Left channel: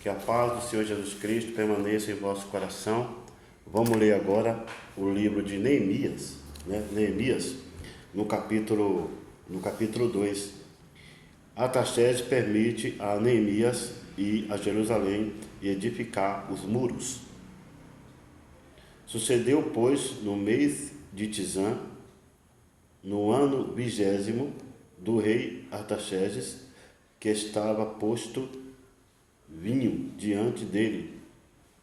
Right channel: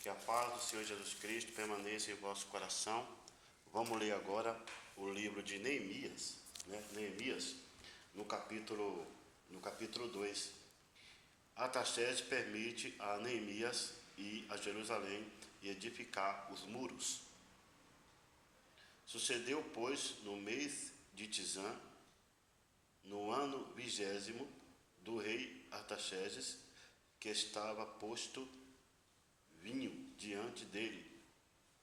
Que a paz do Senhor Jesus Cristo permaneça em vosso coração. Vamos ler agora o livro de Neemias, Neemias, no capítulo 2. Artaxerxes permite a Neemias ir a Jerusalém e edificar os muros. Sucedeu, pois, no mês de Tisã, no ano 20º do rei Artaxerxes, que estava posto vinho diante dele,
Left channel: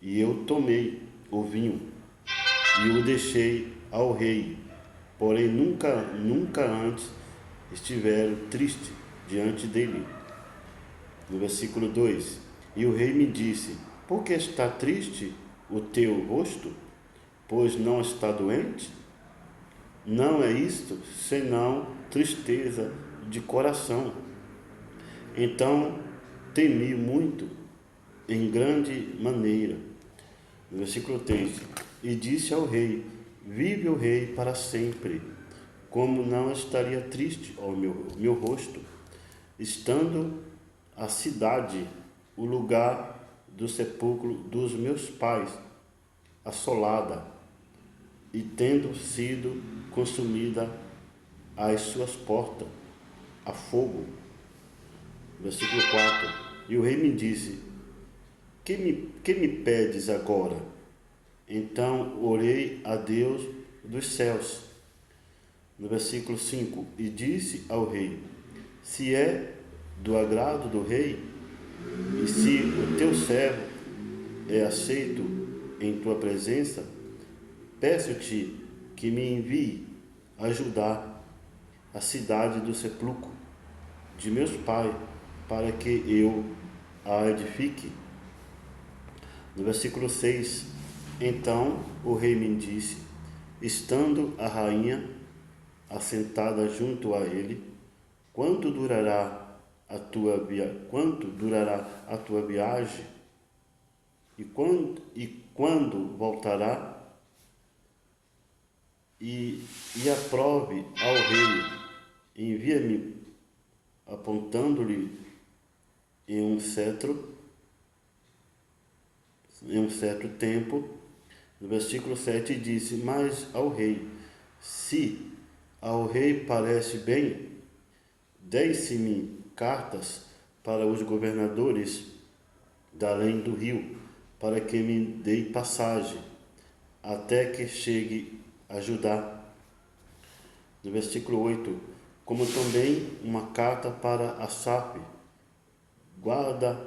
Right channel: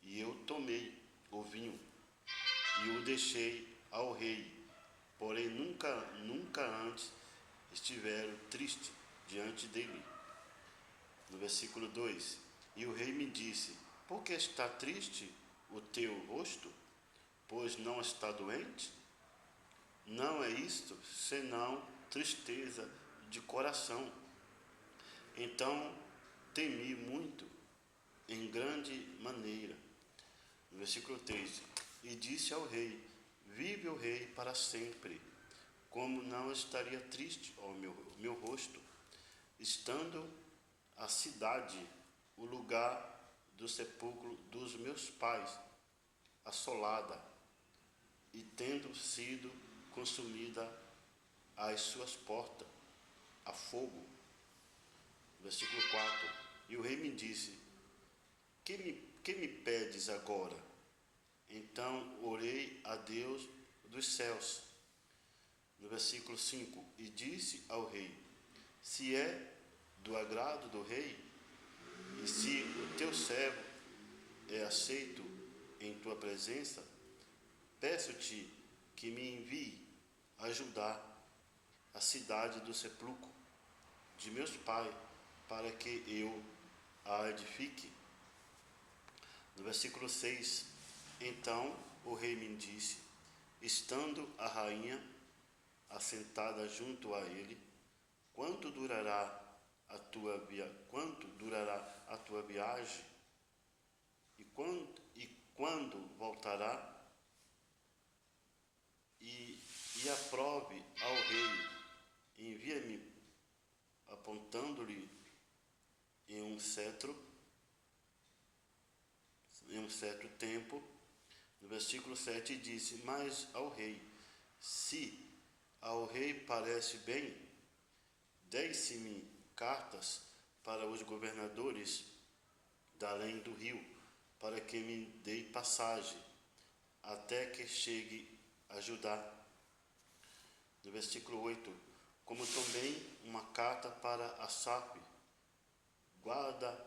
e eu tomei o vinho e o deixei ao rei. Porém nunca antes estiveram triste diante dele. No versículo 2: E o rei me disse: Por que está triste o teu rosto? Pois não está doente? Não é isto senão tristeza de coração. Então temi muito, em grande maneira. No versículo 3: E disse ao rei: Vive o rei para sempre, como não estaria triste ao meu rosto, estando a cidade, o lugar do sepulcro dos meus pais, assolada, e tendo sido consumida as suas portas a fogo. Versículo 4: E o rei me disse: Que me pedes agora? Então orei a Deus dos céus. No versículo 5: E disse ao rei: Se é do agrado do rei, e se o teu servo é aceito em tua presença, peço-te que me envie ajudar a cidade do sepulcro de meus pais, para que eu a edifique. No versículo 6: Então o rei me disse, estando a rainha assentada junto a ele: Quanto durará a tua viagem? E quando voltará? E aprove ao rei: Envia-me, apontando-lhe em um certo tempo. No versículo 7 disse: Mas ao rei: Se ao rei parece bem, dê-se-me cartas para os governadores da além do rio, para que me dê passagem, até que chegue a Judá. No versículo 8: Como também uma carta para Asaf, guarda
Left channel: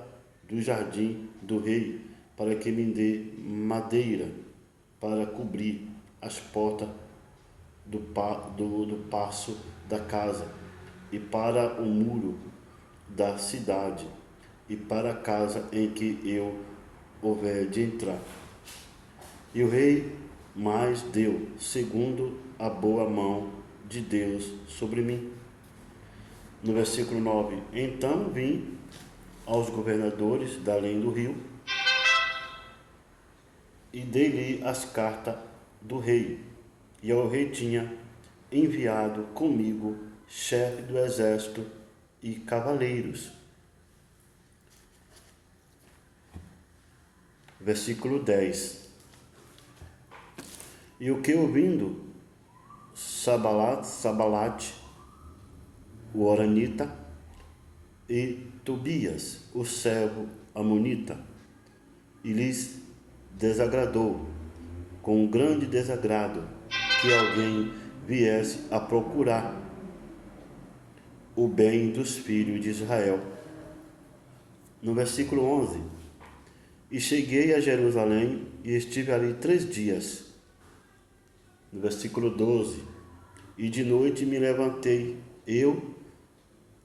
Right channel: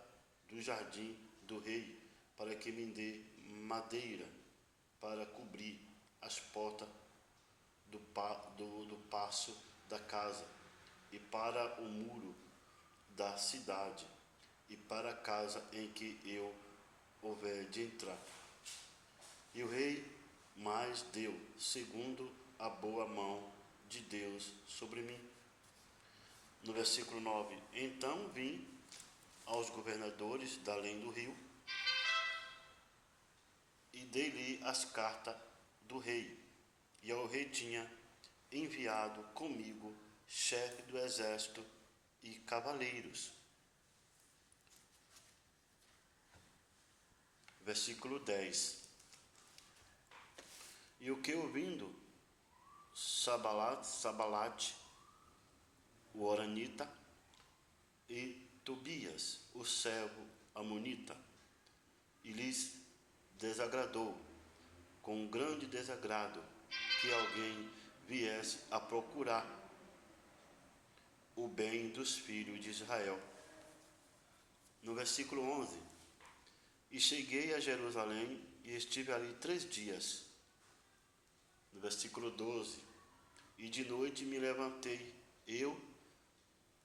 do jardim do rei, para que me dê madeira para cobrir as portas do paço da casa, e para o muro da cidade, e para a casa em que eu houver de entrar. E o rei mais deu, segundo a boa mão de Deus sobre mim. No versículo 9: Então vim aos governadores da além do rio, e dei-lhe as cartas do rei. E ao rei tinha enviado comigo chefe do exército e cavaleiros. Versículo 10: E o que ouvindo Sabalate, o horonita, e Tobias, o servo amonita, e lhes desagradou, com um grande desagrado, que alguém viesse a procurar o bem dos filhos de Israel. No versículo 11: E cheguei a Jerusalém e estive ali 3 dias. No versículo 12: E de noite me levantei, eu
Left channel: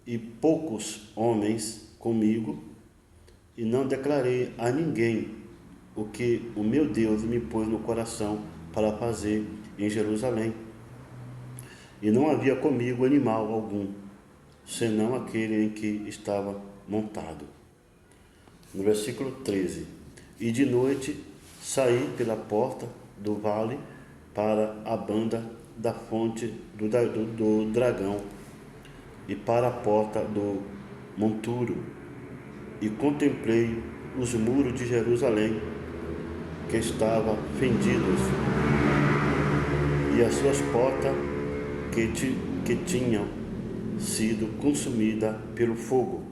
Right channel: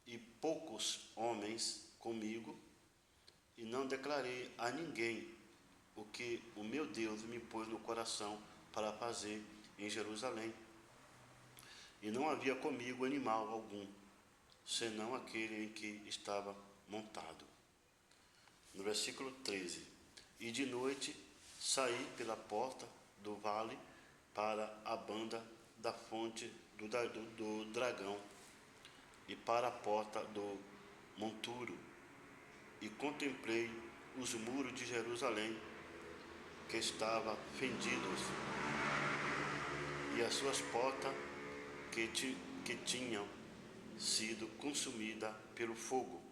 e poucos homens comigo, e não declarei a ninguém o que o meu Deus me pôs no coração para fazer em Jerusalém. E não havia comigo animal algum, senão aquele em que estava montado. No versículo 13: E de noite saí pela porta do vale para a banda da fonte do dragão, e para a porta do monturo, e contemplei os muros de Jerusalém, que estavam fendidos, e as suas portas que tinham sido consumidas pelo fogo.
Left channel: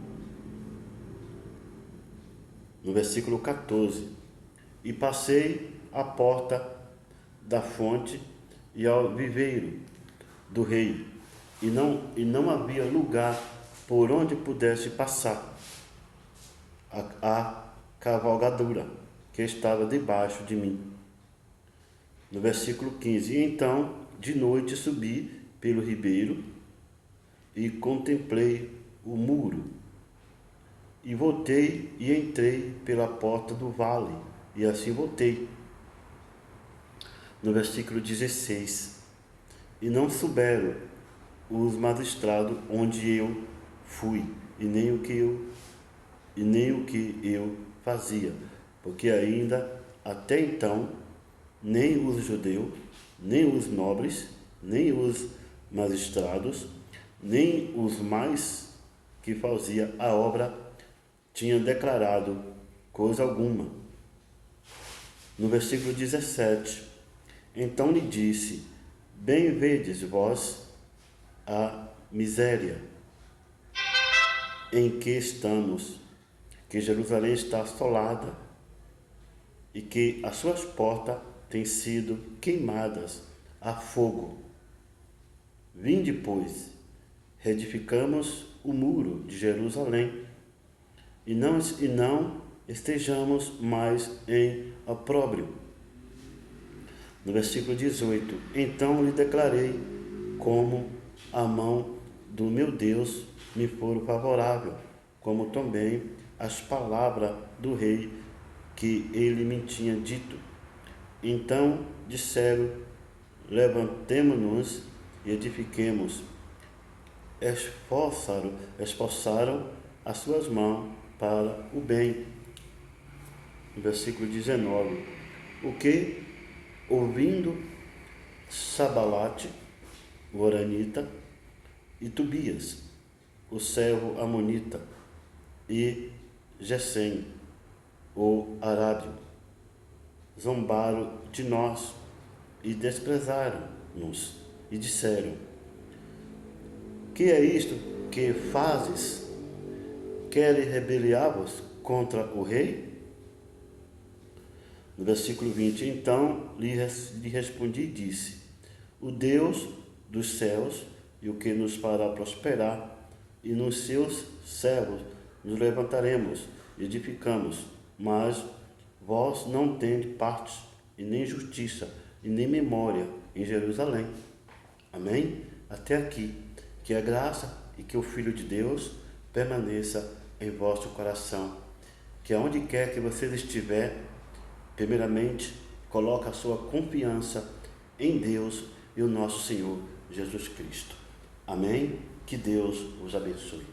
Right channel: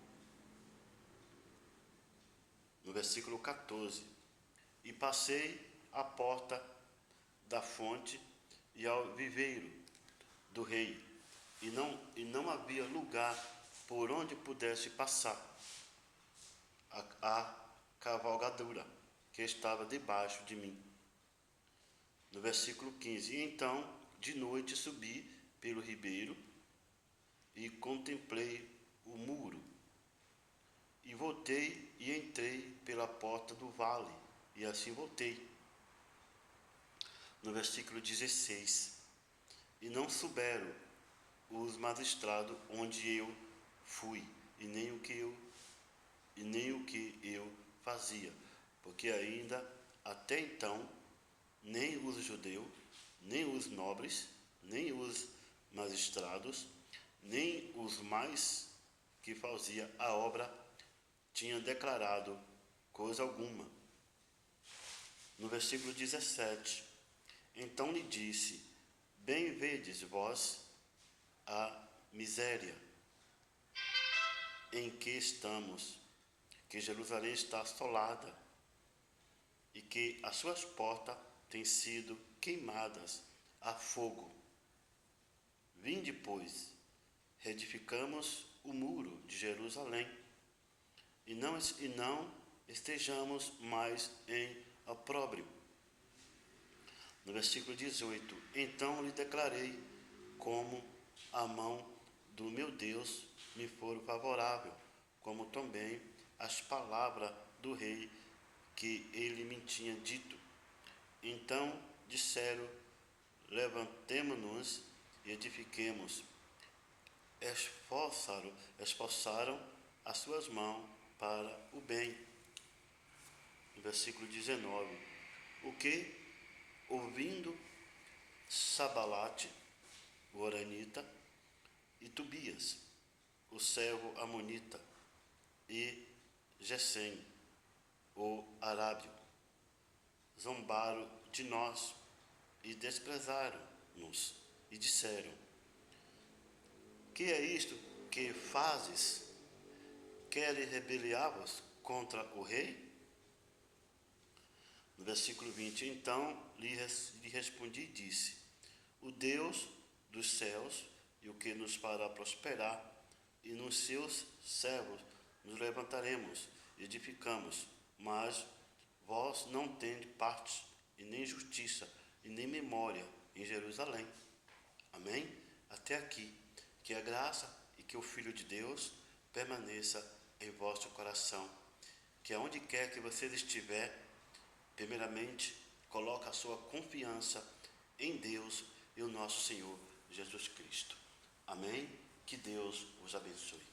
No versículo 14: e passei à porta da fonte e ao viveiro do rei, e não havia lugar por onde pudesse passar a cavalgadura que estava debaixo de mim. No versículo 15: e então de noite subi pelo ribeiro e contemplei o muro, e voltei e entrei pela porta do vale, e assim voltei. No versículo 16: e não souberam os magistrados onde eu fui, e nem o que eu fazia, porque ainda até então nem os judeus, nem os nobres, nem os magistrados, nem os mais que faziam a obra tinham declarado coisa alguma. No versículo 17: então lhe disse: bem vedes vós a miséria em que estamos, que Jerusalém está assolada e que as suas portas têm sido queimadas a fogo. Vinde, pois, reedificamos o muro de Jerusalém e não estejamos mais em opróbrio. No versículo 18: então lhe declarei como a mão do meu Deus me for favorável, como também as palavras do rei que ele me tinha dito. Então disseram: levantemo-nos e edifiquemos. Esforçaram as suas mãos para o bem. No versículo 19: o que, ouvindo Sabalate, o horonita, e Tobias, o servo amonita, e Gesem, o arábio, zombaram de nós e desprezaram-nos, e disseram: que é isto que fazes? Queres rebeliar-vos contra o rei? No versículo 20: então lhe respondi e disse: o Deus dos céus, e o que nos fará prosperar, e nos seus servos nos levantaremos, edificamos, mas vós não tendes parte, e nem justiça, e nem memória em Jerusalém. Amém? Até aqui. Que a graça e que o Filho de Deus permaneça em vosso coração. Que aonde quer que vocês estiver, primeiramente, coloque a sua confiança em Deus e o nosso Senhor Jesus Cristo. Amém? Que Deus os abençoe.